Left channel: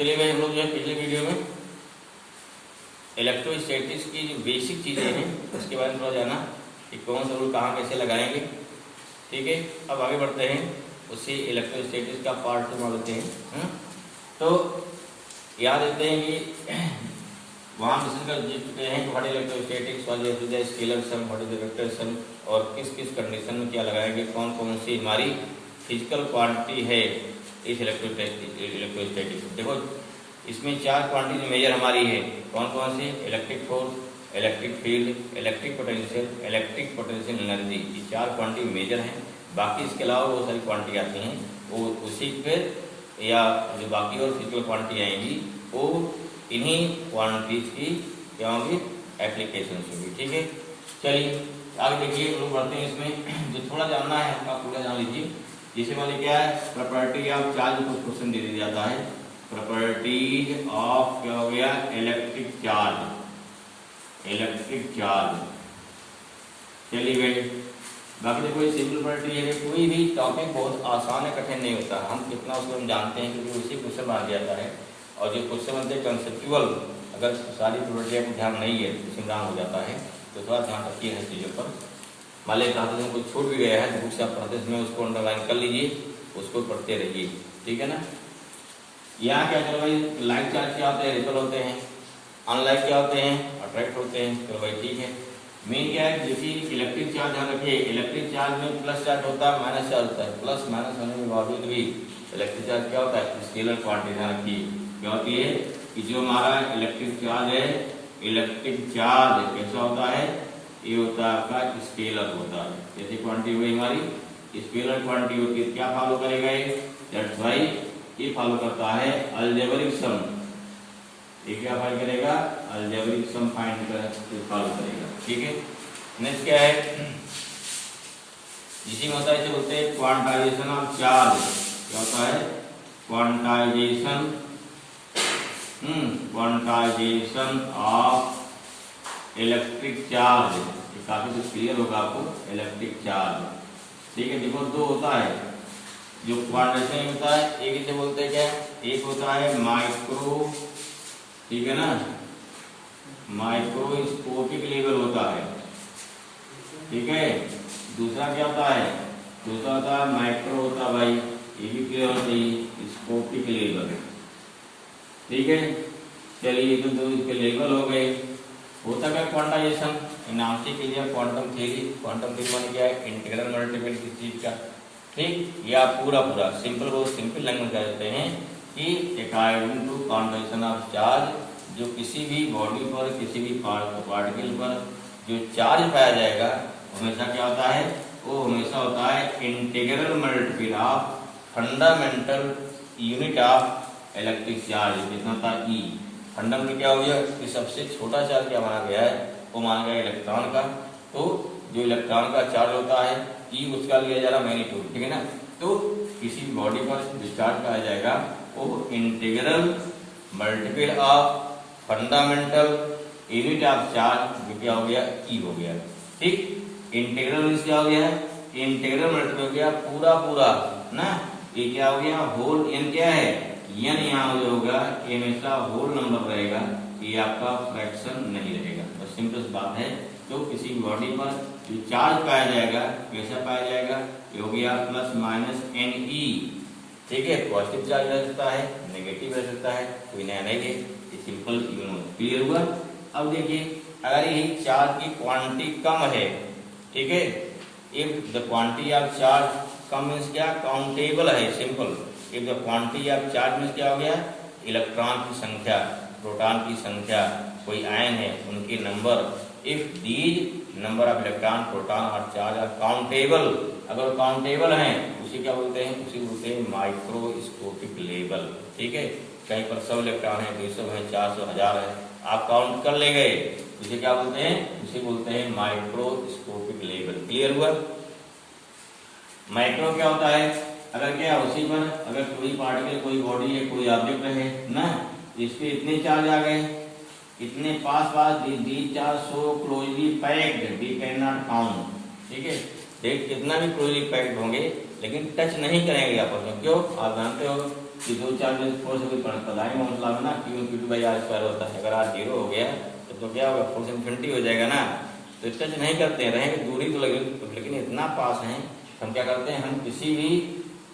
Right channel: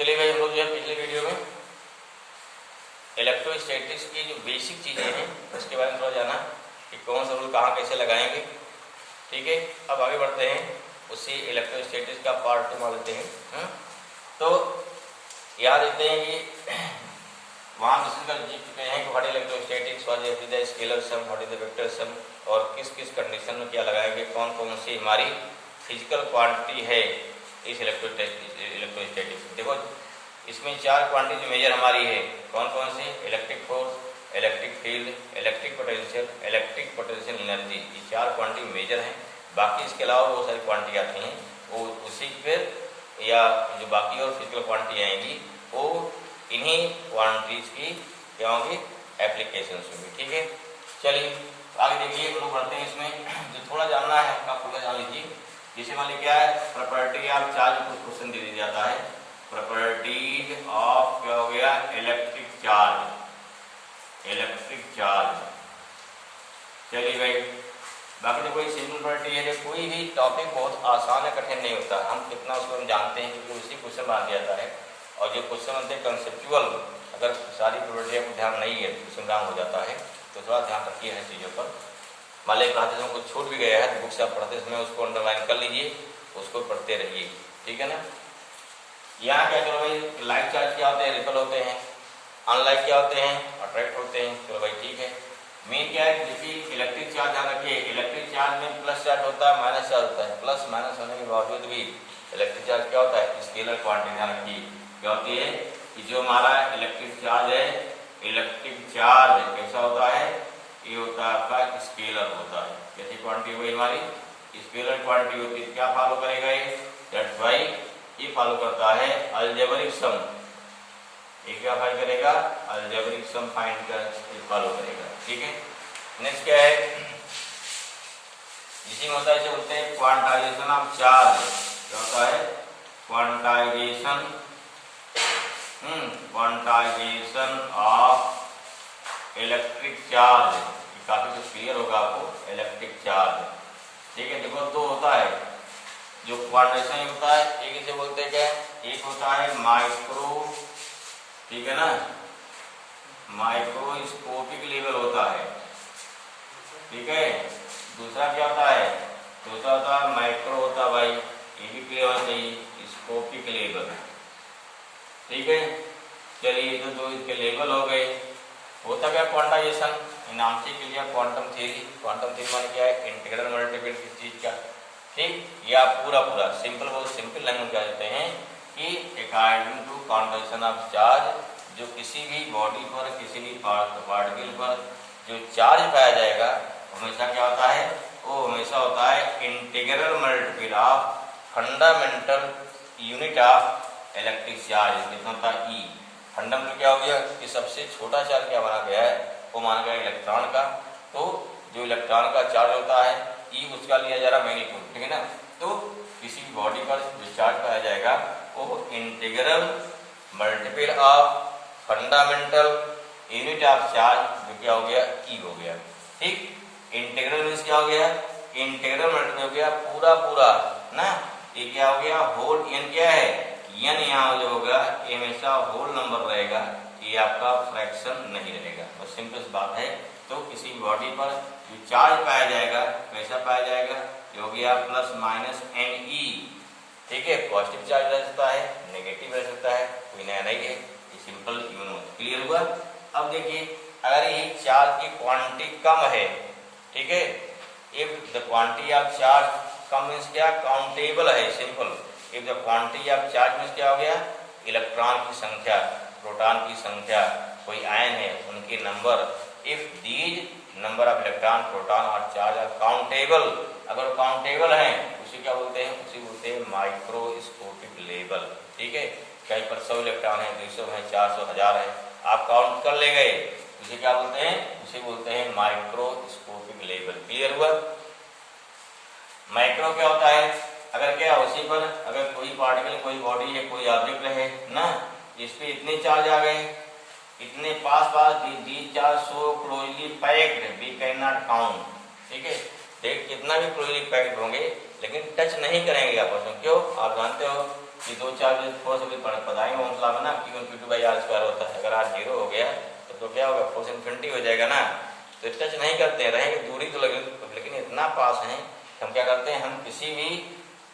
चलिए भाई, हम लोग जो है पिछले वीडियो में इलेक्ट्रोस्टैटिक्स की जो बेसिक चीज़ें हैं उसके बारे में थोड़ा जाना कि कौन सा रूल कहाँ कैसे लगाएंगे। ठीक है, अब आगे बढ़ते हैं, उससे इलेक्ट्रोस्टैटिक्स का पार्ट 2 मान लेते हैं। तो याद रखते हैं कि वहाँ क्वेश्चन का जीत चुके हैं कि what electrostatics, what is the scalar sum, what is the vector sum, और किस किस कंडीशन में क्या लगाएंगे, कौन कौन सी हमारी फिजिकल क्वांटिटी है इस इलेक्ट्रोस्टैटिक्स। देखो इसमें 4 क्वांटिटी मेजर हमारी है, कौन कौन सी? Electric force, electric field, electric potential energy. ये 4 क्वांटिटी मेजर हैं। बाकी इसके अलावा बहुत सारी क्वांटिटी आती हैं, वो उसी पर या जो बाकी और फिजिकल क्वांटिटी आएंगी वो इन्हीं क्वांटिटीज की क्या होंगी, एप्लीकेशन होंगी। ठीक है, चलिए आगे देखिए, हम लोग बढ़ते हैं। इसमें जो थोड़ा जानना है आपका पूरा जान लीजिए। जैसे मान लीजिए क्या है, प्रॉपर्टी ऑफ चार्ज, कुछ क्वेश्चन दे दिया जाता है, प्रॉपर्टीज ऑफ क्या हो गया, इलेक्ट्रिक चार्ज, इलेक्ट्रिक चार्ज। चलिए भाई, बाकी तो कोई सिंपल प्रॉपर्टी है, कोई भी टॉपिक बहुत आसान है, कठिन नहीं होता। हम कितना उसको हम जानते हैं क्योंकि उसी क्वेश्चन बांध जाता है। और जो क्वेश्चन होते हैं कंसेप्चुअल, अगर सारी प्रॉपर्टियाँ को ध्यान नहीं है तो संग्राम हो जाता है। तो थोड़ा ध्यान रखिए है चीज़ों पर। मान लीजिए पढ़ाते समय कुछ छूट भी गया है तो बुक से आप पढ़ते समय उसको अंडरलाइन कर लीजिए, उसको पढ़ते रहिए। ठीक है ना। यहाँ क्या, चलो भाई, लाइक चार्ज क्या होते हैं, रिपल होते हैं, अनलाइक क्या होते हैं, अट्रैक्ट होते हैं। चलो भाई ठीक है। मेन क्या है, देखिए इलेक्ट्रिक चार्ज ध्यान रखिए, इलेक्ट्रिक चार्ज में प्लस चार्ज होता है, माइनस चार्ज होता है। प्लस माइनस होने के बावजूद भी इलेक्ट्रिक चार्ज क्या होता है, स्केलर क्वांटिटी। ध्यान रखिए क्या होती है कि जो हमारा इलेक्ट्रिक चार्ज है, इलेक्ट्रिक चार्ज कैसा होता है, ये होता है आपका स्केलर होता है। कैसी क्वांटिटी हुई हमारी, स्केलर क्वांटिटी होती है। क्या फॉलो करेगा ये, दैट्स व्हाई ये फॉलो करता है अलजेब्रिक सम। ये क्या फाइंड करेगा, अलजेब्रिक सम फाइंड कर फॉलो करेगा। ठीक है, नेक्स्ट क्या है, इसी में होता है, इसे बोलते हैं क्वांटाइजेशन ऑफ चार्ज। क्या होता है, quantization, quantization of electric charge. ये काफी कुछ क्लियर होगा आपको, इलेक्ट्रिक चार्ज। ठीक है, देखो दो होता है जो क्वांटाइजेशन होता है, एक इसे बोलते हैं क्या, एक होता है माइक्रो, ठीक है ना, माइक्रोस्कोपिक लेवल होता है। ठीक है, दूसरा क्या होता है, दूसरा होता है माइक्रो होता है भाई, ये भी क्लियर होना चाहिए, स्कोपिक लेवल। ठीक है, चलिए तो दो इसके लेवल हो गए। होता क्या क्वांटाइजेशन, नाम से clear, quantum theory. Quantum theory माने क्या है, इंटीग्रल मल्टीपल की चीज का। ठीक, या पूरा पूरा सिंपल, बहुत सिंपल लैंग्वेज में कहते हैं कि according to convention of charge, जो किसी भी बॉडी पर, किसी भी पार्टिकल पर जो चार्ज पाया जाएगा हमेशा क्या होता है, वो हमेशा होता है integral multiple of fundamental unit of electric charge. कितना था, ई। फंडामेंटल क्या हो गया कि सबसे छोटा चार्ज क्या माना गया है, वो माना गया इलेक्ट्रॉन का। तो जो इलेक्ट्रॉन का चार्ज होता है ई, उसका लिया जा रहा मैग्नीट्यूड। ठीक है ना। तो किसी भी बॉडी पर जो चार्ज पाया जाएगा वो integral multiple of fundamental unit of charge, जो क्या हो गया, ई हो गया। ठीक, इंटीग्रल मींस क्या हो गया, इंटीग्रल मल्टीपल हो गया पूरा पूरा ना। ये क्या हो गया, होल। एन क्या है, एन यहाँ जो होगा ये हमेशा होल नंबर रहेगा, ये आपका फ्रैक्शन नहीं रहेगा। बस सिंपल बात है। तो किसी भी बॉडी पर जो चार्ज पाया जाएगा कैसा पाया जाएगा, ये हो गया प्लस माइनस एन ई। ठीक है, पॉजिटिव चार्ज रह सकता है, नेगेटिव रह सकता है, कोई नया नहीं है, ये सिंपल यूनो। क्लियर हुआ। अब देखिए, अगर ये चार्ज की क्वांटिटी कम है, ठीक है, if the quantity of charge come means क्या, काउंटेबल है, simple. If the quantity of charge means क्या हो गया, इलेक्ट्रॉन की संख्या, प्रोटॉन की संख्या, कोई आयन है उनके number. If these number of electron, proton और चार्ज आर काउंटेबल, अगर काउंटेबल हैं उसे क्या बोलते हैं, उसे बोलते हैं माइक्रोस्कोपिक लेवल। ठीक है, कहीं पर 100 इलेक्ट्रॉन है, 200 है, 400, 1000 है, आप काउंट कर ले गए, उसे क्या बोलते हैं, उसे बोलते हैं माइक्रोस्कोपिक लेवल। क्लियर हुआ। माइक्रो क्या होता है, अगर क्या उसी पर अगर कोई पार्टिकल, कोई बॉडी है, कोई ऑब्जेक्ट है ना, इस पे इतने चार्ज आ गए, इतने पास these charge so closely packed we can not count. ठीक है, देख कितना भी क्लोजली पैक्ड होंगे लेकिन टच नहीं करेंगे आपस में। क्यों, आप जानते हो कि दो चार्ज फोर्स अभी पता है ओम्स लॉ में ना, Q1 Q2 by r square होता है। अगर आर जीरो हो गया तो क्या होगा, फोर्स इन्फिनिटी हो जाएगा ना। तो टच नहीं करते हैं, रहेंगे दूरी तो लगे, लेकिन इतना पास है हम क्या करते हैं, हम किसी भी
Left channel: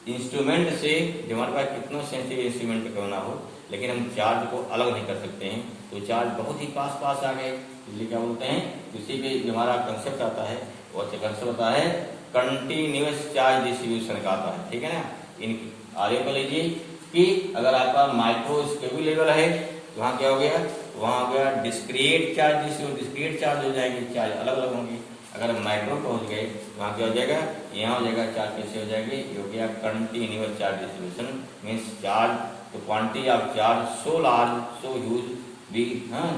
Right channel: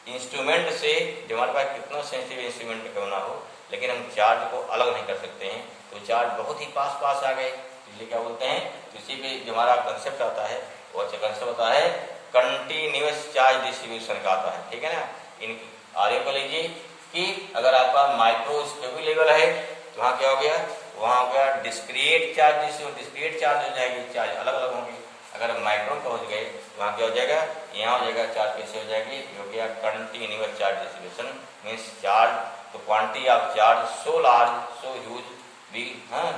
इंस्ट्रूमेंट से, जो हमारे पास कितना सेंसिटिव इंस्ट्रूमेंट क्यों ना हो, लेकिन हम चार्ज को अलग नहीं कर सकते हैं। तो चार्ज बहुत ही पास पास आ गए, इसलिए क्या बोलते हैं, किसी भी जो हमारा कंसेप्ट आता है वो अच्छा कंसेप्ट होता है कंटिन्यूअस चार्ज डिस्ट्रीब्यूशन का आता है, ठीक है ना। इनकी आगे को लीजिए कि अगर आपका माइक्रोस्कोपिक लेवल है तो वहाँ क्या हो गया, वहाँ हो गया discrete charge distribution, discrete charge हो जाएंगे, चार्ज अलग अलग होंगे। अगर माइक्रोन पहुंच गए तो वहाँ क्या हो जाएगा, यहाँ हो जाएगा चार्ज कैसे हो जाएगी, ये हो गया continuous charge distribution, means charge तो quantity of charge so large so huge we, हाँ,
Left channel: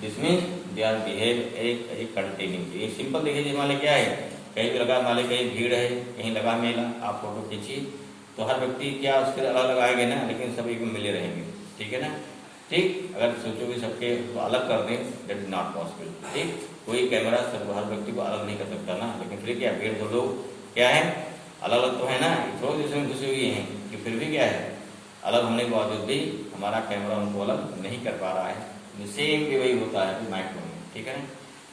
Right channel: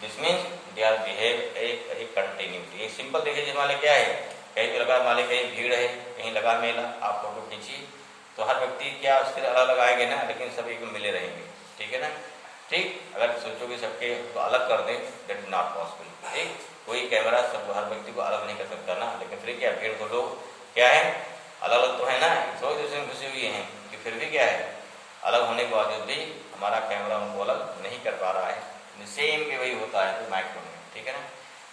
this means they are behave a continuity. एक सिंपल देखिए, मान लीजिए क्या है, कहीं भी लगा, मान लीजिए कहीं भीड़ है, कहीं लगा मेला, आप फोटो खींचिए तो हर व्यक्ति क्या उसके अलग अलग आएंगे ना, लेकिन सभी को मिले रहेंगे, ठीक है ना। ठीक, अगर सोचो कि सबके को अलग कर दें, दैट इज नॉट पॉसिबल। ठीक, कोई कैमरा सब हर व्यक्ति को अलग नहीं कर सकता ना, लेकिन फिर क्या भीड़ को लोग क्या है, अलग अलग तो है ना, थोड़ी दूसरे में घुसे हुए हैं, कि फिर भी क्या है, अलग होने के बावजूद भी हमारा कैमरा उनको अलग नहीं कर पा रहा है। सेम भी वही होता है माइक्रो में, ठीक है ना।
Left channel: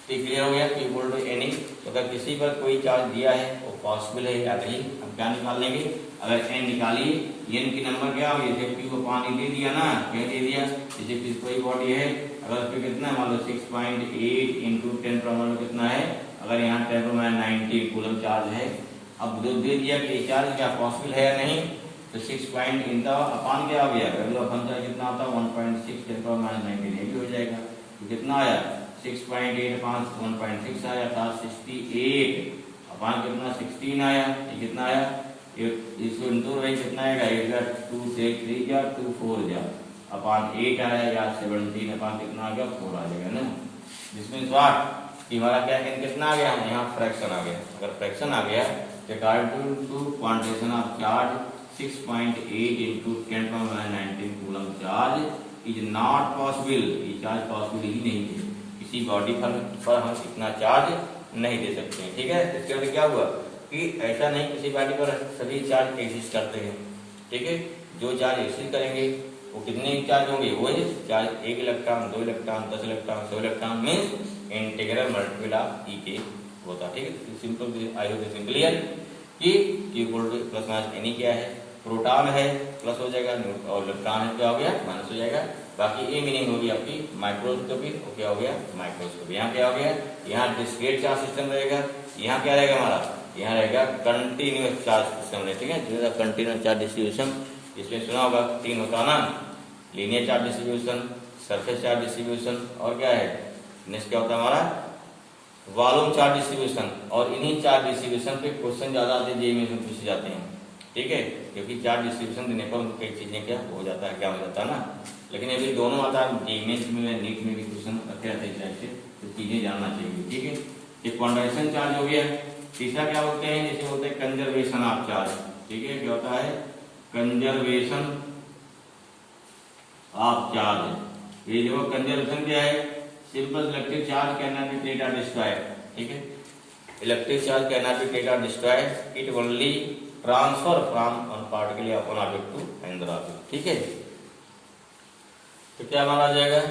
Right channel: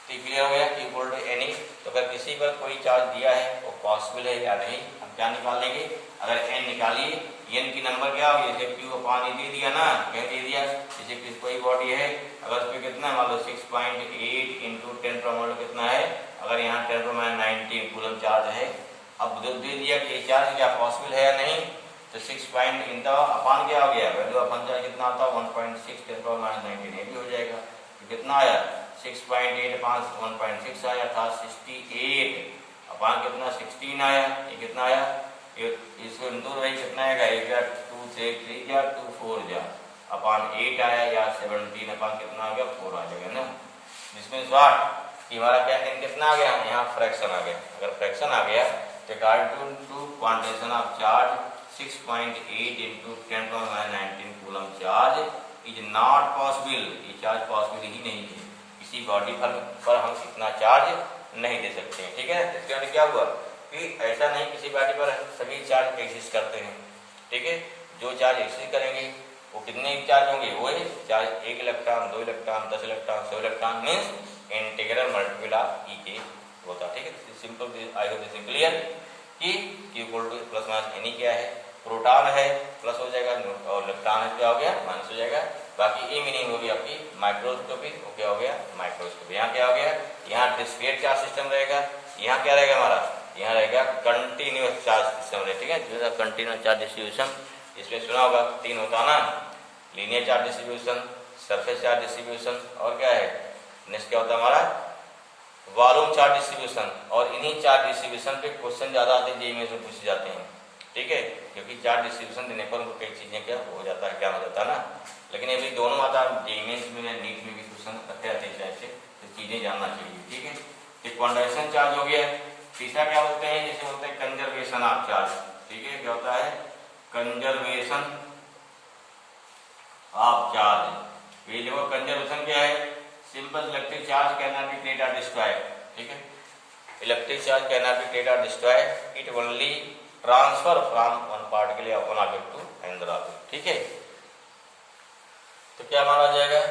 तो क्लियर हो गया कि बोल्ड एनी, तो अगर किसी पर कोई चार्ज दिया है वो पॉसिबल है या नहीं, हम क्या निकाल लेंगे, अगर एन निकालिए, एन की नंबर क्या होगी, जैसे क्यू पानी दे दिया ना, क्या दे दिया, जैसे कोई बॉडी है, अगर उस पर कितना मान लो 6.8 इंटू 10 कितना है, अगर यहाँ 10⁻19 कूलम चार्ज है, अब जो दे दिया कि चार्ज क्या पॉसिबल है या नहीं, तो 6 पॉइंट इन अपान क्या हो गया, वैल्यू अपन चार्ज कितना होता है 1.6 10⁻19 ये भी हो जाएगा, तो कितना आया 6.8 अपान 1.6 आया था 68 अपान कितना 16 आया, ये कितना आया, इसको इंटू रही कितना आएगा, 2 से 3 जा 2 4 जा अपान 8 आया, या 17 अपान कितना आ गया 4 आ जाएगा ना। जिसमें स्वाट कि हमारा क्या कितना आ गया, यहाँ फ्रैक्शन आ गया, अगर फ्रैक्शन आ गया तो quantitation of charge 6.8 into 10⁻19 coulomb charge is not possible, ये चार्ज पॉसिबल ही नहीं है, किसी बॉडी पर हम इतना चार्ज नहीं दे सकते हैं, ठीक है। इसके बाद क्या हुआ कि ऐसा नहीं किसी बॉडी पर सभी चार्ज एग्जिस्ट करते हैं, ठीक है। जो चार्ज एग्जिस्ट करेंगे वो कितने चार्ज होंगे, वही charge 1 electron 2 electron 10 electron 100 electron means integral multiple of E के होता है, ठीक है। Simple I hope this clear कि प्लस माइनस एनी क्या है, प्रोटॉन है प्लस हो जाएगा और इलेक्ट्रॉन है क्या हो गया माइनस हो जाएगा। बाकी ए मीनिंग होगी आपकी माइक्रोस्कोपिक, क्या हो गया माइक्रोस्कोपिक। यहाँ क्या हो गया, यहाँ डिस्क्रीट चार्ज सिस्टम रहेगा, यहाँ क्या रहेगा हमारा, यहाँ रहेगा कंटिन्यूअस चार्ज सिस्टम रहेगा, ठीक है। कंटिन्यूअस चार्ज डिस्ट्रीब्यूशन इसमें सुना होगा 3 होता ना, linear charge distribution, surface charge distribution और क्या है नेक्स्ट क्या होता है हमारा वॉल्यूम चार्ज डिस्ट्रीब्यूशन। और इन्हीं चार्ज डिस्ट्रीब्यूशन पे क्वेश्चन ज्यादा आते हैं, जेईई में पूछे जाते हैं, ठीक है, क्योंकि चार्ज डिस्ट्रीब्यूशन देने पर उनको कई चीजें क्या हो जाता है, क्या हो जाता है ना। लेकिन ये भी दोनों आता है, जेईई में नीट में भी क्वेश्चन रखे जाते हैं इस टाइप से, तो चीजें जानना चाहिए, ठीक है। एक क्वांटाइजेशन चार्ज हो गया, तीसरा क्या बोलते हैं, जैसे बोलते हैं कंजर्वेशन ऑफ चार्ज, ठीक है, क्या होता है कंजर्वेशन ऑफ चार्ज। ये देखो कंजर्वेशन क्या है, simple electric charge can not be created और डिस्ट्रॉयड, ठीक है। Electric charge can not be created और destroyed, it only transfer from one particle of one object to another object, ठीक है। तो क्या माना जाएगा,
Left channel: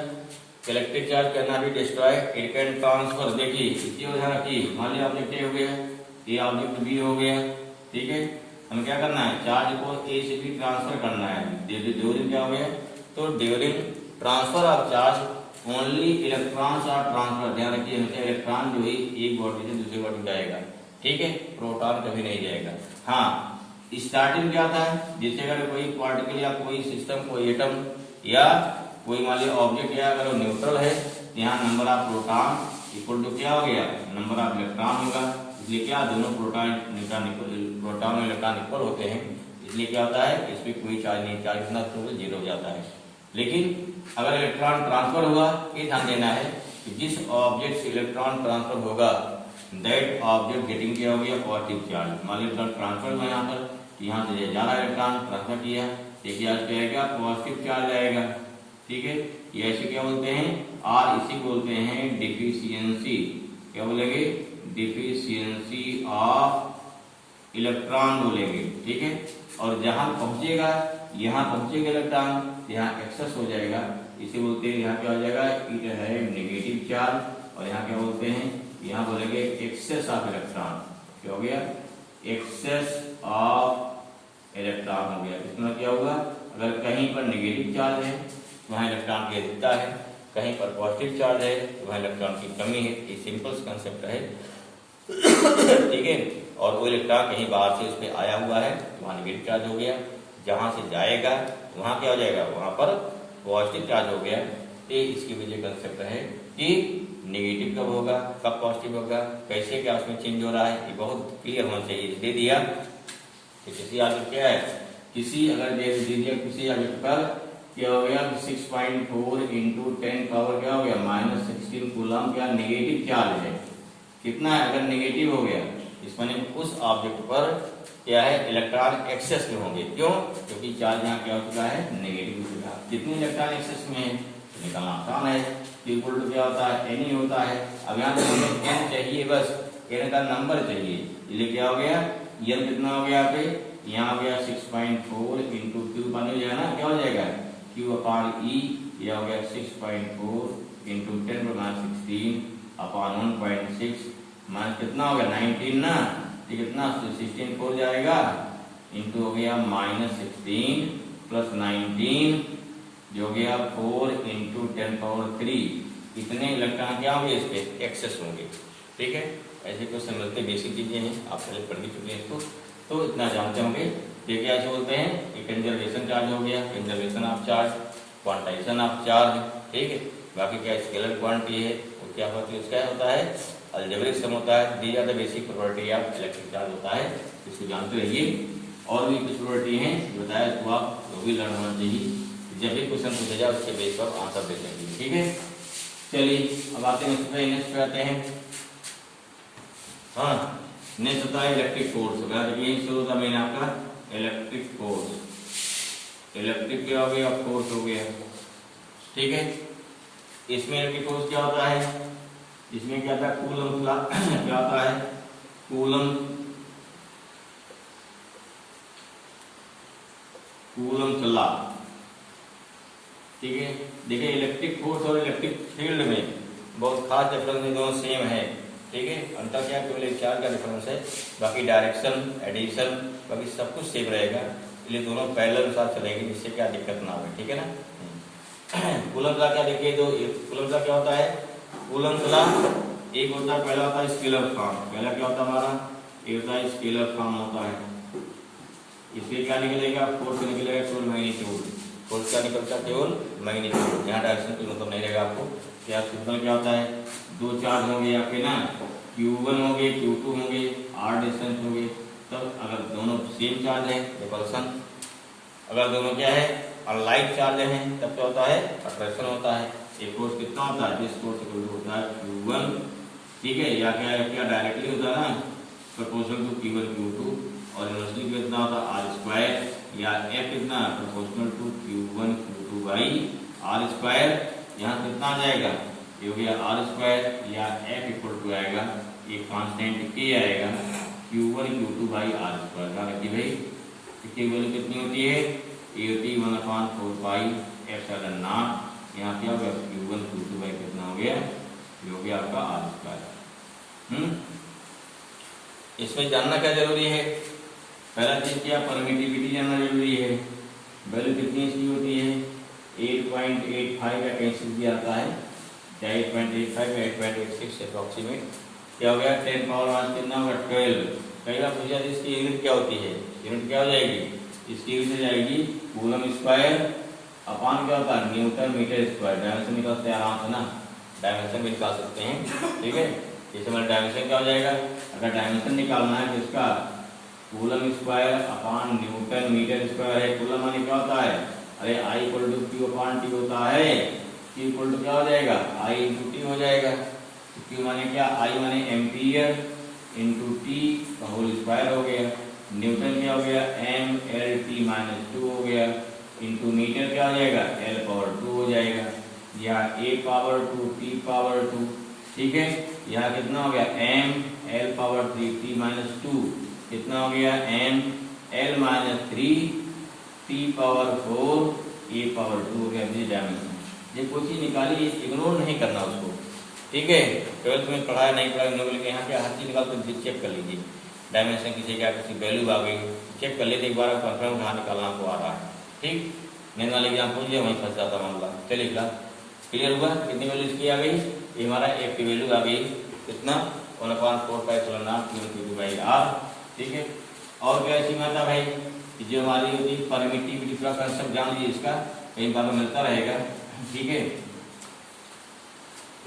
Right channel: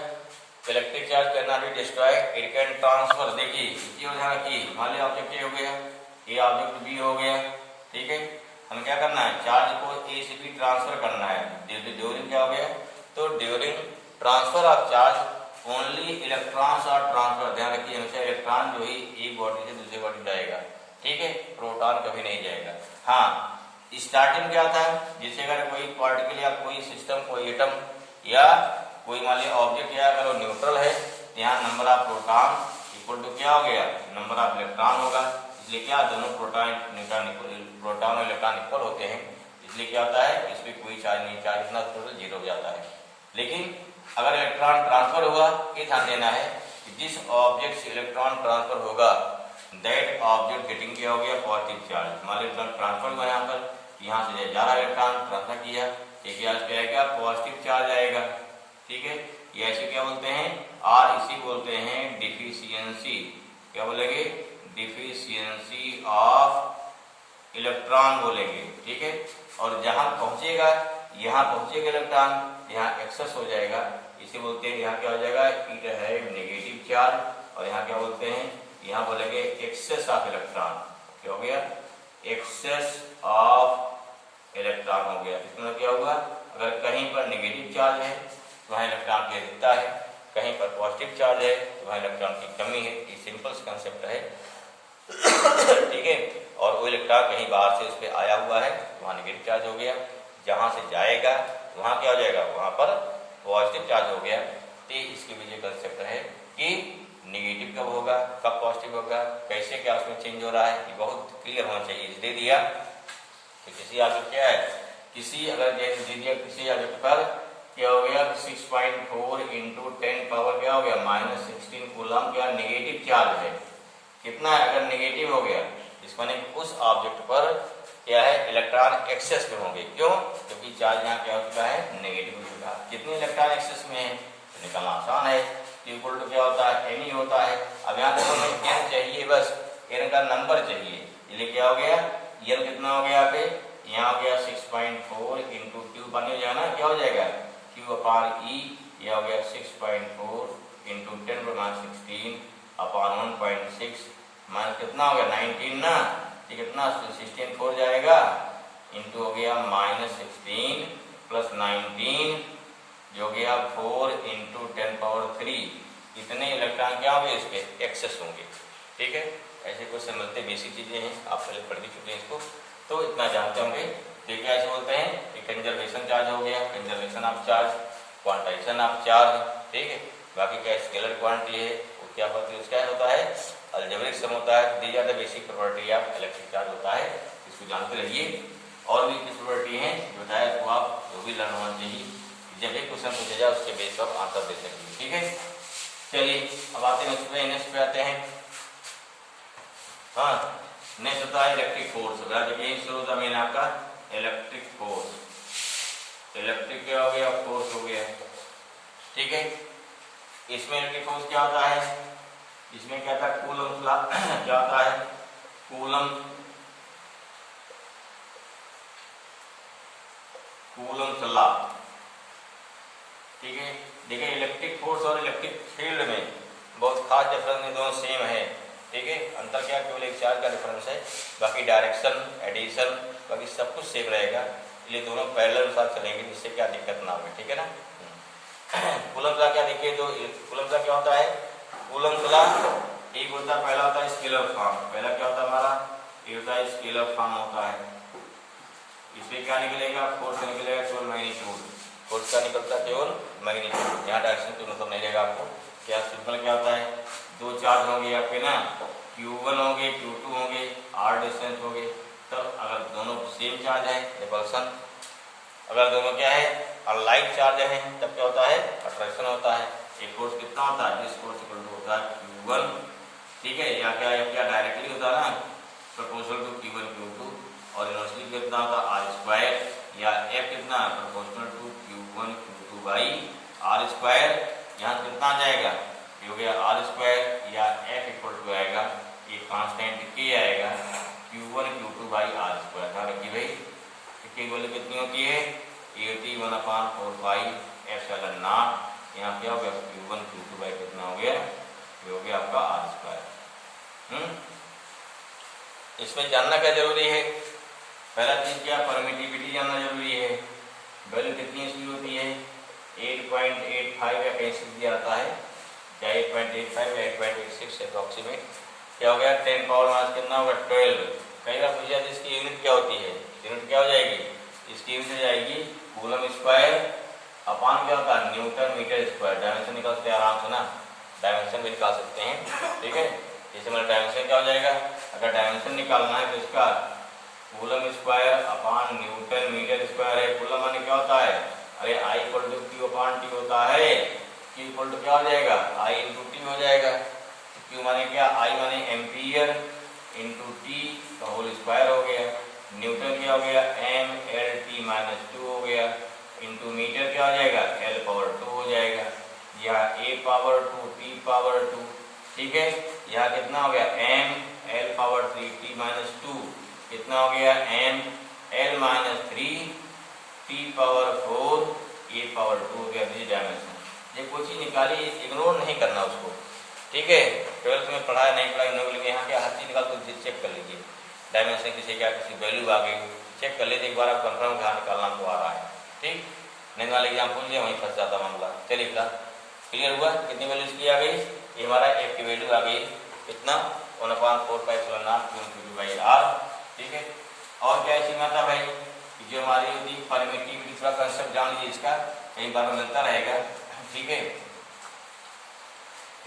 electric charge can not be destroyed, it can transfer. देखिए इसी वजह की मान लिया ऑब्जेक्ट ए हो गया, ये ऑब्जेक्ट बी हो गया, ठीक है। हमें क्या करना है, चार्ज को ए से बी ट्रांसफर करना है, ड्यूरिंग क्या हो गया, तो during transfer of charge only electrons are transfer. ध्यान रखिए हमेशा इलेक्ट्रॉन जो ही एक बॉडी से दूसरी बॉडी जाएगा, ठीक है, प्रोटॉन कभी नहीं जाएगा। हाँ, स्टार्टिंग क्या था, जैसे अगर कोई पार्टिकल या कोई सिस्टम कोई एटम या कोई मान लिया ऑब्जेक्ट या अगर वो न्यूट्रल है, यहाँ number of proton equal to क्या हो गया नंबर ऑफ इलेक्ट्रॉन होगा, इसलिए क्या दोनों प्रोटॉन प्रोटॉन और इलेक्ट्रॉन इक्वल होते हैं, इसलिए क्या होता है इस पर कोई चार्ज नहीं, चार्ज इतना जीरो हो जाता है। लेकिन अगर इलेक्ट्रॉन ट्रांसफर हुआ, ये ध्यान देना है कि जिस ऑब्जेक्ट से इलेक्ट्रॉन ट्रांसफर होगा दैट ऑब्जेक्ट गेटिंग क्या हो गया पॉजिटिव चार्ज। मान लो इलेक्ट्रॉन ट्रांसफर हुआ यहाँ पर, यहाँ से जा रहा इलेक्ट्रॉन ट्रांसफर किया, ठीक है, क्या आएगा पॉजिटिव चार्ज आएगा, ठीक है। ये ऐसे क्या बोलते हैं, और इसी बोलते हैं डिफिशियंसी, क्या बोलेंगे डिफिशियंसी ऑफ इलेक्ट्रॉन बोलेंगे, ठीक है। और जहां पहुंचेगा यहाँ पहुंचेगा इलेक्ट्रॉन, यहाँ एक्सेस हो जाएगा, इसे बोलते हैं यहाँ क्या हो जाएगा, इट है नेगेटिव चार्ज। और यहाँ क्या बोलते हैं, यहाँ बोलेंगे एक्सेस ऑफ इलेक्ट्रॉन। क्या हो गया, एक्सेस ऑफ इलेक्ट्रॉन हो गया। इसमें क्या हुआ, अगर कहीं पर नेगेटिव चार्ज है तो वहाँ इलेक्ट्रॉन की अधिकता है, कहीं पर पॉजिटिव चार्ज है तो वहाँ इलेक्ट्रॉन की कमी है। ये सिंपल कंसेप्ट है, ठीक है। और वो इलेक्ट्रॉन कहीं बाहर से उस पर आया हुआ है तो वहाँ नेगेटिव चार्ज हो गया, जहाँ से जाएगा वहाँ क्या हो जाएगा, वहाँ पर पॉजिटिव चार्ज हो गया। तो इसके वजह कंसेप्ट है कि नेगेटिव कब होगा, कब पॉजिटिव होगा, कैसे क्या उसमें चेंज हो रहा है, ये बहुत क्लियर होना चाहिए। इसलिए दिया तो किसी ऑब्जेक्ट क्या है, किसी अगर दे दिया किसी ऑब्जेक्ट पर क्या हो गया 6.4 इंटू 10 पावर क्या हो गया -16 कूलम, क्या नेगेटिव चार्ज है। कितना है, अगर नेगेटिव हो गया इसको नहीं, उस ऑब्जेक्ट पर क्या है इलेक्ट्रॉन एक्सेस में होंगे। क्यों, क्योंकि चार्ज यहाँ क्या हो चुका है, नेगेटिव हो चुका है। कितने इलेक्ट्रॉन एक्सेस में है तो निकालना आसान है। इक्वल टू क्या होता है, एन ही होता है। अब यहाँ देखो हमें एन चाहिए, बस एन का नंबर चाहिए, इसलिए क्या हो गया, एन कितना हो गया यहाँ पे, यहाँ हो गया 6.4 इंटू क्यू पानी हो जाएगा ना, क्या हो जाएगा क्यू अपॉन ई, यह हो गया 6.4 इंटू 10⁻16 अपॉन 1.6 माइनस कितना हो गया 19 ना, तो कितना 16 4 जाएगा इंटू हो गया -16 प्लस 19 जो हो गया 4 इंटू 10⁻3। इतने इलेक्ट्रॉन क्या होंगे इसके एक्सेस होंगे। ठीक है, ऐसे क्वेश्चन मिलते, बेसिक चीजें हैं, आप पहले पढ़ भी चुके हैं इसको, तो इतना जानते होंगे। देखिए ऐसे बोलते हैं कि कंजर्वेशन चार्ज हो गया, conservation of charge, quantization of charge. ठीक है, बाकी का स्केलर क्वांटिटी है वो क्या होती है, उसका होता है अलजेब्रिक सम होता है। These are the basic property of electric charge होता है, इसको जानते रहिए। और भी कुछ प्रॉपर्टी है बताया तो आप वो भी लर्न होना चाहिए, जब भी क्वेश्चन पूछा जाए उसके बेस पर आंसर दे सकेंगे। ठीक है, चलिए अब आते हैं नेक्स्ट पे, नेक्स्ट पे आते हैं। हाँ, नेक्स्ट होता है इलेक्ट्रिक फोर्स। देखिए शुरू होता है आपका इलेक्ट्रिक फोर्स। इलेक्ट्रिक क्या हो गया, फोर्स हो गया। ठीक है, इसमें इलेक्ट्रिक फोर्स क्या होता है, इसमें क्या था कूलम लॉ क्या होता है, कूलम लॉ। ठीक है, देखिए इलेक्ट्रिक फोर्स और इलेक्ट्रिक फील्ड में बहुत खास डिफरेंस है, दोनों सेम है। ठीक है, अंतर क्या केवल एक चार्ज का डिफरेंस है, बाकी डायरेक्शन एडिशन बाकी सब कुछ सेम रहेगा, इसलिए दोनों पैरेलल अनुसार चलेंगे, जिससे क्या दिक्कत ना हो। ठीक है ना। कूलम लॉ क्या देखिए, दो कूलम लॉ क्या होता है, कूलम लॉ एक होता है, पहला होता है स्केलर फॉर्म। पहला क्या होता है हमारा, एक होता है स्केलर फॉर्म होता है। इसमें क्या निकलेगा, फोर्स निकलेगा केवल मैग्नीट्यूड। फोर्स क्या निकलता है, केवल मैग्नीट्यूड, यहाँ डायरेक्शन तो मतलब नहीं रहेगा आपको। क्या सिंपल क्या होता है, दो चार्ज होंगे आपके ना, Q1 होंगे Q2 होंगे, r डिस्टेंस होंगे, तब अगर दोनों सेम चार्ज है रिपल्सन, अगर दोनों क्या है अनलाइक चार्ज है तब क्या होता है अट्रैक्शन होता है। एक फोर्स कितना होता है, दिस फोर्स इक्वल टू होता है Q1। ठीक है, या क्या डायरेक्टली होता है ना प्रोपोर्शनल टू Q1 Q2, और इनवर्सली कितना होता है r स्क्वायर, या F कितना proportional to Q1 Q2 by r square. यहाँ कितना आ जाएगा, ये हो गया r स्क्वायर, या F इक्वल टू आएगा एक कांस्टेंट K आएगा Q1 Q2 by r square. ध्यान रखिए भाई, की वैल्यू कितनी होती है 81/4 पाई एप्सिलॉन नॉट। यहाँ क्या हो गया Q1 Q2 बाई कितना हो गया, ये हो गया आपका r स्क्वायर। इसमें जानना क्या जरूरी है, पहला चीज क्या परमिटिविटी जानना जरूरी है। वैल्यू कितनी इसकी होती है 8.85 या कहीं से दिया जाता है, क्या 8.85 या 8.86 अप्रोक्सीमेट। क्या हो गया 10 पावर मास कितना होगा 12। कई बार पूछा जाए इसकी यूनिट क्या होती है, यूनिट क्या हो जाएगी, इसकी यूनिट हो जाएगी कूलम स्क्वायर अपॉन क्या होता है न्यूटन मीटर स्क्वायर। डायमेंशन निकाल सकते हैं आराम से ना, डायमेंशन भी निकाल सकते हैं। ठीक है, जैसे हमारा डायमेंशन क्या हो जाएगा, अगर डायमेंशन निकालना है तो इसका coulomb square upon newton meter square है। कूलम माने क्या होता है, अरे I equal to Q upon T होता है, Q इक्वल टू क्या हो जाएगा I इंटू टी हो जाएगा। तो Q माने क्या, I माने एम्पियर इंटू टी का होल स्क्वायर हो गया। न्यूटन क्या हो गया MLT माइनस 2 हो गया, इंटू मीटर क्या हो जाएगा L पावर 2 हो जाएगा, या A पावर 2 T पावर 2। ठीक है, यहाँ कितना हो गया M L power 3 T minus 2 कितना हो गया M L minus 3 T⁴ E⁴ के दिस डायमेंशन। ये कोई चीज निकाली, इग्नोर नहीं करना उसको, ठीक है। 12th में पढ़ाया नहीं पढ़ाया नोबल में, यहाँ क्या हर चीज निकाल तो चेक कर लीजिए, डायमेंशन किसी क्या किसी वैल्यू आ गई चेक कर लीजिए एक बार, आप कंफर्म कहाँ निकालना को आ रहा है, ठीक। नहीं वाले एग्जाम पूछ लिया वहीं फंस जाता मामला। चलिए फिलहाल क्लियर हुआ, कितनी वैल्यू इसकी आ गई, ये हमारा एफ की वैल्यू आ गई कितना 1/4πr, ठीक है। और क्या ऐसी माता भाई जो हमारी होती है परमिटिविटी, थोड़ा कंसेप्ट जान लीजिए इसका, कहीं बार मिलता रहेगा, ठीक है।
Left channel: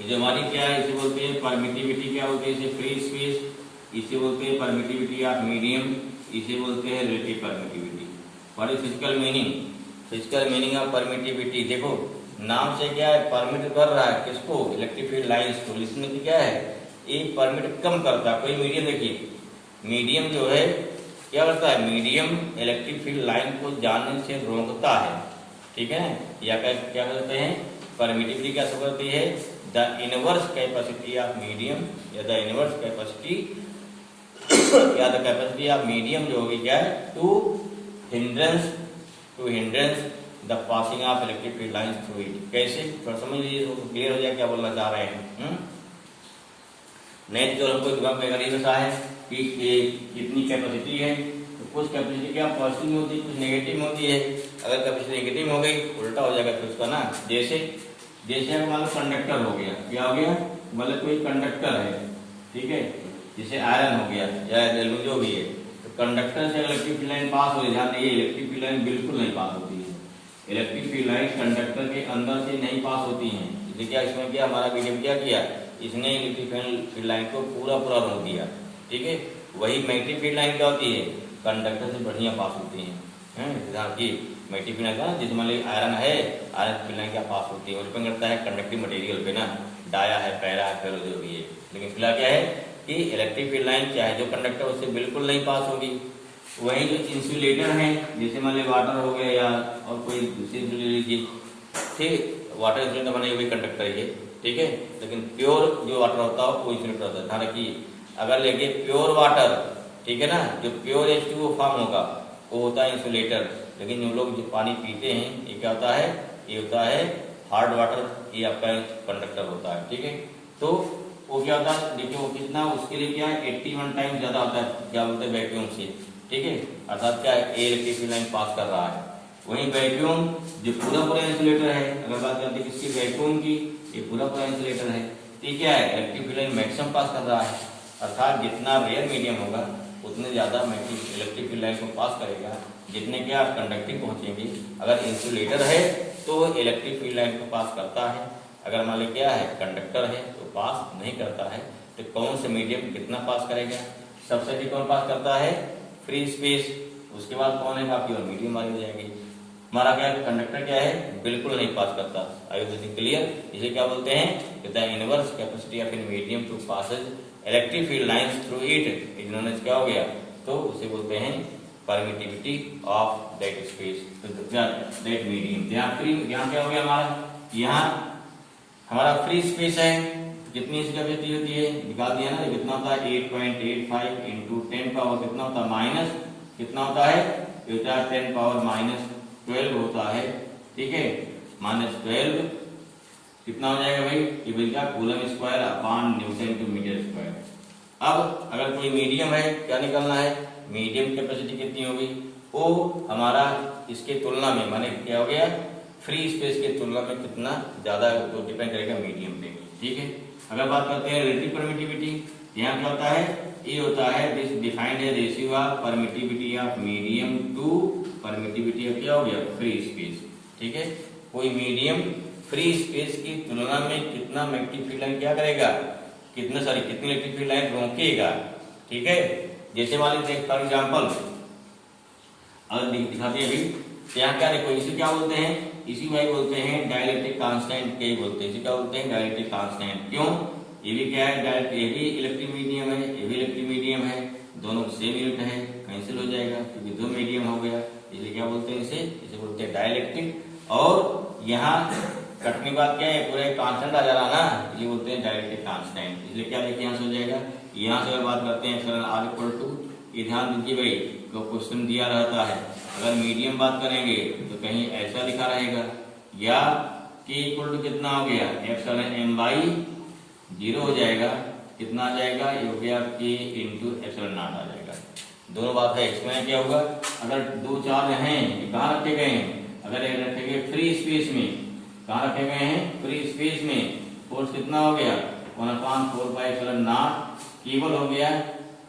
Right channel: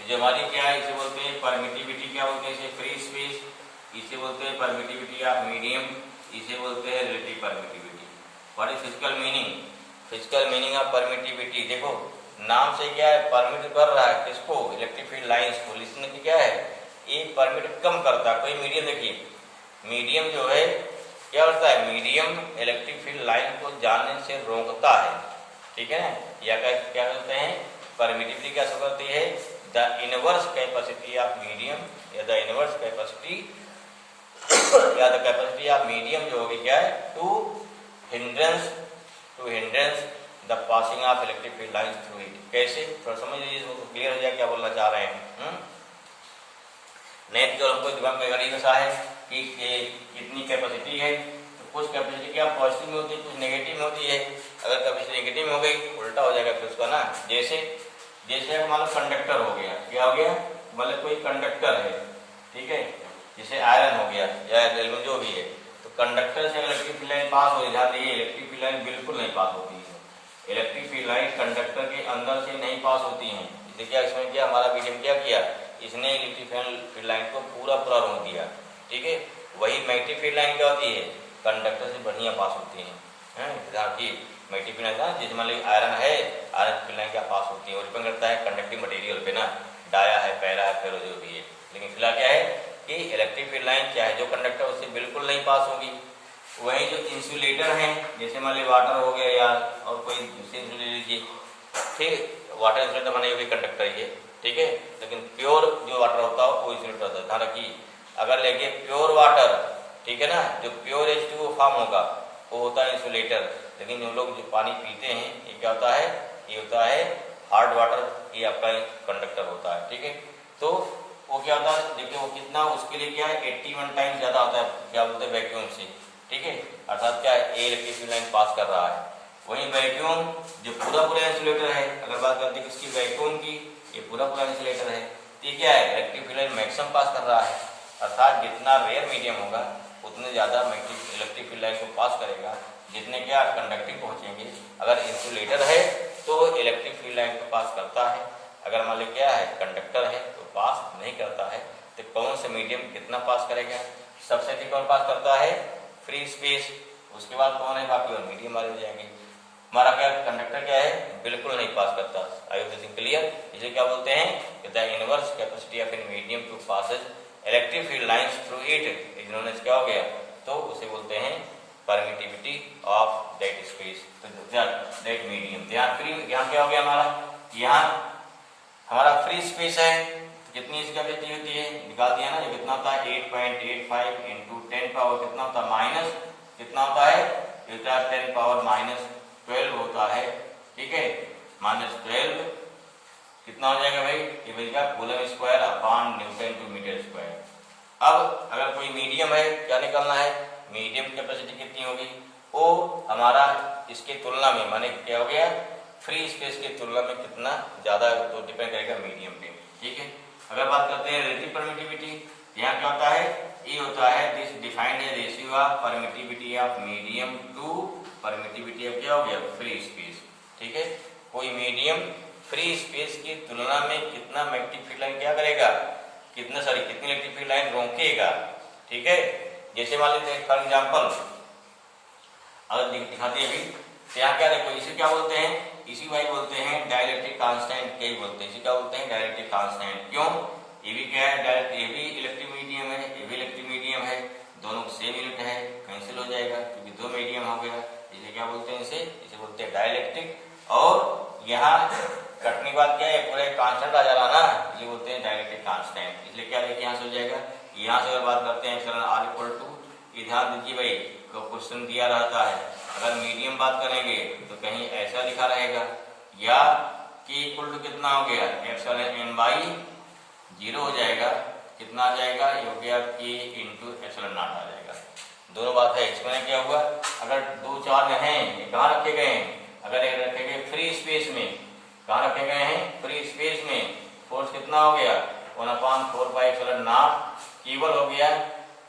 जो हमारी क्या है इसे बोलते हैं परमिटिविटी, क्या बोलते हैं इसे फ्री स्पेस, इसे बोलते हैं परमिटिविटी ऑफ मीडियम, इसे बोलते हैं relative permittivity. What is physical meaning, physical meaning of permittivity, देखो नाम से क्या है परमिट कर रहा है किसको, इलेक्ट्रिक फील्ड लाइंस को, लिसनिंग क्या है एक परमिट कम करता है। कोई मीडियम देखिए, मीडियम जो है क्या करता है, मीडियम इलेक्ट्रिक फील्ड लाइन को जाने से रोकता है, ठीक है ना। या क्या करते हैं परमिटिविटी क्या शो करती है, the inverse capacity of medium या द इनवर्स कैपेसिटी या द कैपेसिटी ऑफ मीडियम जो होगी क्या है to hindrance the passing of electric field lines through it. कैसे, थोड़ा समझ लीजिए तो क्लियर हो जाए क्या बोलना चाह रहे हैं। नेट जो हमको दिमाग में गरीब सा है कि कितनी कैपेसिटी है, तो कुछ कैपेसिटी क्या पॉजिटिव में होती है, कुछ नेगेटिव में होती है। अगर कैपेसिटी नेगेटिव में हो गई उल्टा हो जाएगा फिर उसका ना, जैसे अगर मान लो कंडक्टर हो गया, क्या हो गया, मतलब कोई कंडक्टर है, ठीक है, जैसे आयरन हो गया या एल्यूमीनियम जो भी है, तो कंडक्टर से इलेक्ट्रिक फील्ड लाइन पास हो जाती है, इलेक्ट्रिक फील्ड लाइन बिल्कुल नहीं पास होती है। इलेक्ट्रिक फील्ड लाइन कंडक्टर के अंदर से नहीं पास होती है। जैसे क्या इसमें क्या हमारा मीडियम क्या किया, इसने इलेक्ट्रिक फील्ड लाइन को पूरा रोक दिया, ठीक है। वही मैग्नेटिक फील्ड लाइन क्या होती है, कंडक्टर से बढ़िया पास होती है। मैग्नेटिक फील्ड लाइन जिसमें आयरन है, आयरन फील्ड लाइन क्या पास होती है और डिपेंड करता है कंडक्टिव मटेरियल पे ना, डाया है, पैरा है, फेरो जो भी है। लेकिन फिलहाल क्या है कि इलेक्ट्रिक फील्ड लाइन चाहे जो कंडक्टर उससे बिल्कुल नहीं पास होगी। वही जो इंसुलेटर है, जैसे मान लीजिए वाटर हो गया या और कोई दूसरी इंसुलेटर लीजिए, ठीक, वाटर इंसुलेटर माने ये भी कंडक्टर ही है, ठीक है। लेकिन प्योर जो वाटर होता है वो इंसुलेटर होता है। ध्यान रखिए, अगर लेके प्योर वाटर, ठीक है ना, जो प्योर H2O फॉर्म होगा वो होता है इंसुलेटर। लेकिन जो लोग जो पानी पीते हैं ये क्या होता है, ये होता है हार्ड वाटर, ये आपका कंडक्टर होता है, ठीक है। तो वो क्या होता है, देखिए वो कितना, उसके लिए क्या है 81 टाइम ज्यादा होता है, क्या बोलते हैं वैक्यूम से, ठीक है। अर्थात क्या है इलेक्ट्रिक फील्ड लाइन पास कर रहा है। वहीं वैक्यूम जो पूरा इंसुलेटर है, अगर बात करते हैं किसकी, वैक्यूम की, ये पूरा इंसुलेटर है, तो ये क्या है electric field line maximum pass कर रहा है। अर्थात जितना रेयर मीडियम होगा उतने ज्यादा इलेक्ट्रिक फील्ड लाइन को पास करेगा, जितने क्या कंडक्टिव पहुंचेंगे। अगर इंसुलेटर है तो इलेक्ट्रिक फील्ड लाइन को पास करता है, अगर मान लीजिए क्या है कंडक्टर है तो पास नहीं करता है। तो कौन से मीडियम कितना पास करेगा, सबसे अधिक कौन पास करता है, फ्री स्पेस, उसके बाद कौन है बाकी और मीडियम वाले हो जाएंगे। हमारा क्या कंडक्टर क्या है बिल्कुल नहीं पास करता। I hope this is clear. इसलिए क्या बोलते हैं the inverse capacity of an medium to passage electric field lines through it is known as, क्या हो गया, तो उसे बोलते हैं permittivity of that space, that medium. यहाँ क्या हो गया हमारा, यहाँ हमारा फ्री स्पेस है, कितनी इसकी कैपेसिटी होती है निकाल दिया ना, ये कितना होता है 8.85 इंटू 10 पावर कितना होता है माइनस, कितना होता है ये होता है 10 पावर माइनस 12 होता है, ठीक है, -12 कितना हो जाएगा भाई, ये बन गया coulomb square upon newton to meter square. अब अगर कोई मीडियम है क्या निकालना है, मीडियम कैपेसिटी कितनी होगी, वो हमारा इसके तुलना में माने क्या हो गया फ्री स्पेस की तुलना में कितना ज्यादा तो डिपेंड करेगा मीडियम पे, ठीक है। अगर बात करते हैं रिलेटिव परमिटिविटी, यहाँ क्या होता है, ये होता है दिस डिफाइंड है ratio of permittivity of medium to permittivity of क्या हो गया फ्री स्पेस, ठीक है। कोई मीडियम फ्री स्पेस की तुलना में कितना मैग्नेटिक फील्ड लाइन क्या करेगा, कितनी इलेक्ट्रिक फील्ड लाइन रोकेगा, ठीक है। जैसे मान लीजिए फॉर एग्जाम्पल अगर दिखाते हैं अभी, तो यहाँ क्या देखो इसे क्या बोलते हैं, इसी वाई बोलते हैं डाइलेक्ट्रिक कांस्टेंट, के बोलते हैं इसी क्या बोलते हैं डाइलेक्ट्रिक कांस्टेंट। क्यों, ये भी क्या है डायरेक्ट, ये भी इलेक्ट्रिक मीडियम है, ये भी इलेक्ट्रिक मीडियम है, दोनों सेम यूनिट है, कैंसिल हो जाएगा क्योंकि दो मीडियम हो गया, इसे क्या बोलते हैं, इसे बोलते हैं डाइलेक्ट्रिक। और यहाँ कटने के बाद क्या है पूरे कांस्टेंट आ जा रहा ना, ये बोलते हैं डाइलेक्ट्रिक कांस्टेंट। इसलिए क्या देखिए यहाँ से हो जाएगा, यहाँ से अगर बात करते हैं चलो R इक्वल टू ये ध्यान दीजिए भाई, क्वेश्चन दिया रहता है, अगर मीडियम बात करेंगे तो कहीं ऐसा लिखा रहेगा, या के इक्वल टू कितना हो गया एप्सिलॉन एम बाई 0 हो जाएगा, कितना आ जाएगा, ये हो गया के इंटू एप्सिलॉन नॉट आ जाएगा। दोनों बात है। इसमें क्या होगा, अगर दो चार्ज हैं, कहाँ रखे गए हैं, अगर ये रखे गए फ्री स्पेस में, कहाँ रखे गए हैं, फ्री स्पेस में, फोर्स कितना हो गया 1/4 पाई एप्सिलॉन नॉट, केवल हो गया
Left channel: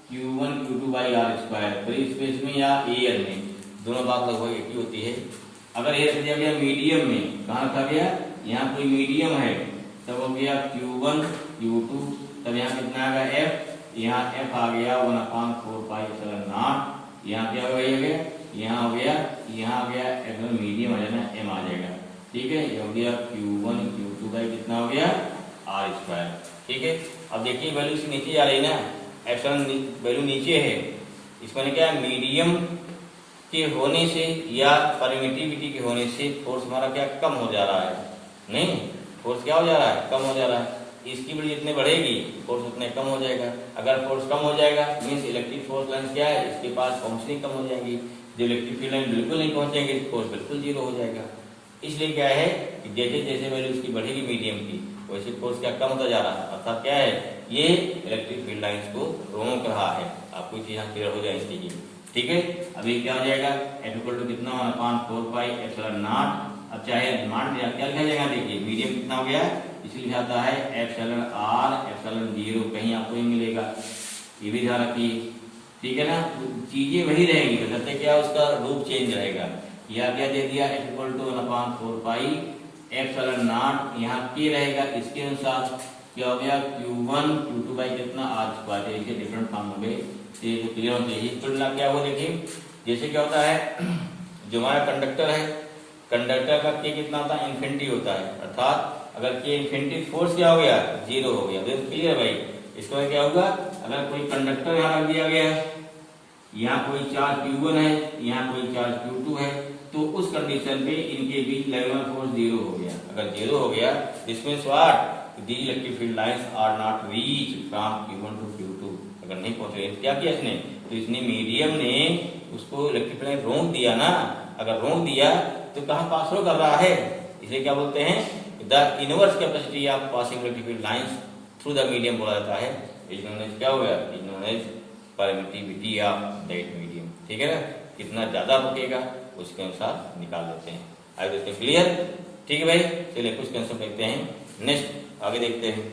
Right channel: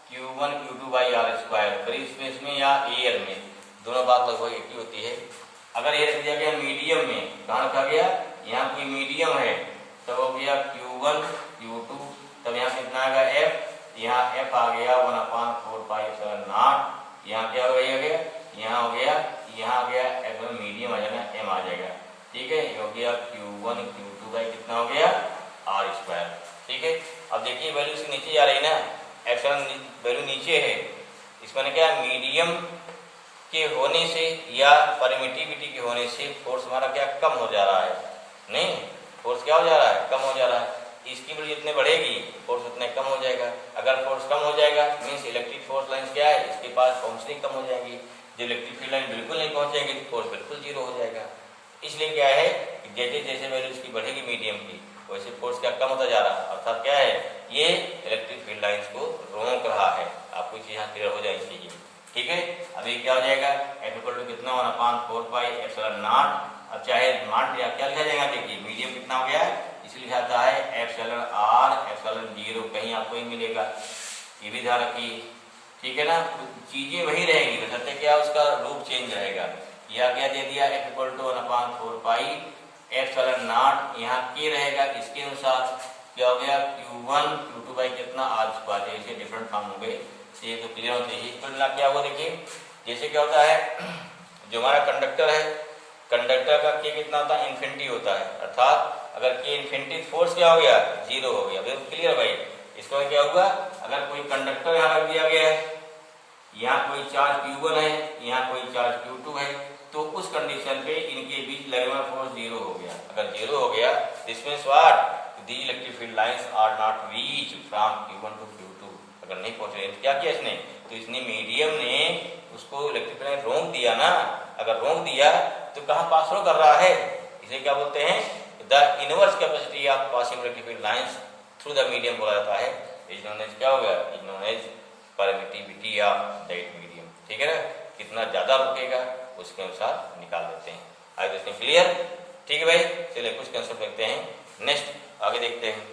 Q1 Q2 by r square, free space में या एयर में, दोनों बात लगभग एक ही होती है। अगर ये रख दिया गया मीडियम में, कहाँ रखा गया, यहाँ कोई मीडियम है, तब हो गया Q1 Q2, तब यहाँ कितना आ गया F, यहाँ F आ गया 1/4 पाई एप्सिलॉन नॉट, यहाँ क्या हो गया, यहाँ हो गया, यहाँ आ गया एप्सिलॉन मीडियम आ जाना M आ जाएगा, ठीक है। ये हो गया Q1 Q2 बाई कितना हो गया आर स्क्वायर, ठीक है। अब देखिए वैल्यू से नीचे जा रही ना, एप्सिलॉन वैल्यू नीचे है, इसमें क्या मीडियम के होने से या परमिटिविटी के होने से फोर्स हमारा क्या कम हो जा रहा है, नहीं, फोर्स क्या हो जा रहा है, कम हो जा रहा है। इसकी वैल्यू जितने बढ़ेगी फोर्स उतने कम हो जाएगा। अगर फोर्स कम हो जाएगा मीन्स इलेक्ट्रिक फोर्स लाइन क्या है, इसके पास पहुंचनी कम हो जाएगी। जब इलेक्ट्रिक फील्ड लाइन बिल्कुल नहीं पहुंचेगी तो फोर्स बिल्कुल 0 हो जाएगा। इसलिए क्या है कि जैसे जैसे वैल्यू इसकी बढ़ेगी मीडियम की, वैसे फोर्स क्या कम होता जा रहा है, अर्थात क्या है, ये इलेक्ट्रिक फील्ड लाइंस को रोक रहा है। आपको चीज यहाँ क्लियर हो जाएगी, ठीक है। अभी क्या हो जाएगा, F इक्वल टू कितना 1/4 पाई एप्सिलॉन नॉट, अब चाहे मान क्या लिखा जाएगा, देखिए मीडियम कितना हो गया, इसलिए लिखा है एप्सिलॉन आर एप्सिलॉन 0, कहीं आपको ही मिलेगा, ये भी ध्यान रखिए, ठीक है ना। चीजें वही रहेगी, बशर्ते क्या उसका रूप चेंज रहेगा। यह क्या दे दिया, F equal to 1/4 pi epsilon naught, यहाँ के रहेगा, इसके अनुसार क्या हो गया Q1 Q2 बाई कितना आर स्क्वायर, इसके डिफरेंट फॉर्म हो गए, ये तो क्लियर होना चाहिए। कुल मिला क्या हुआ, देखिए जैसे क्या होता है, जो हमारा कंडक्टर है, कंडक्टर का के कितना होता है, इन्फिनिटी होता है, अर्थात अगर के इन्फिनिटी फोर्स क्या हो गया 0 हो गया। बिल्कुल क्लियर भाई। इसका क्या हुआ, अगर कोई कंडक्टर यहाँ रख दिया गया है, यहाँ कोई चार्ज Q1 है, यहाँ कोई चार्ज Q2 है, तो उस कंडीशन पे इनके बीच लगने वाला फोर्स 0 हो गया। अगर 0 हो गया this means what, the electric field lines are not reach from Q1 to Q2। अगर नहीं पहुंच रहे क्या किया इसने, तो इसने मीडियम ने उसको इलेक्ट्रिक फील्ड रोक दिया ना। अगर रोक दिया तो कहाँ पास हो कर रहा है, इसे क्या बोलते हैं, the inverse capacity of passing electric field lines through the medium बोला जाता है। इज नोन एज क्या होगा, is known as permittivity of that medium, ठीक है ना। कितना ज्यादा रुकेगा उसके अनुसार निकाल देते हैं। आज इसमें क्लियर, ठीक है भाई। चलिए कुछ कंसेप्ट देखते हैं, नेक्स्ट आगे देखते हैं।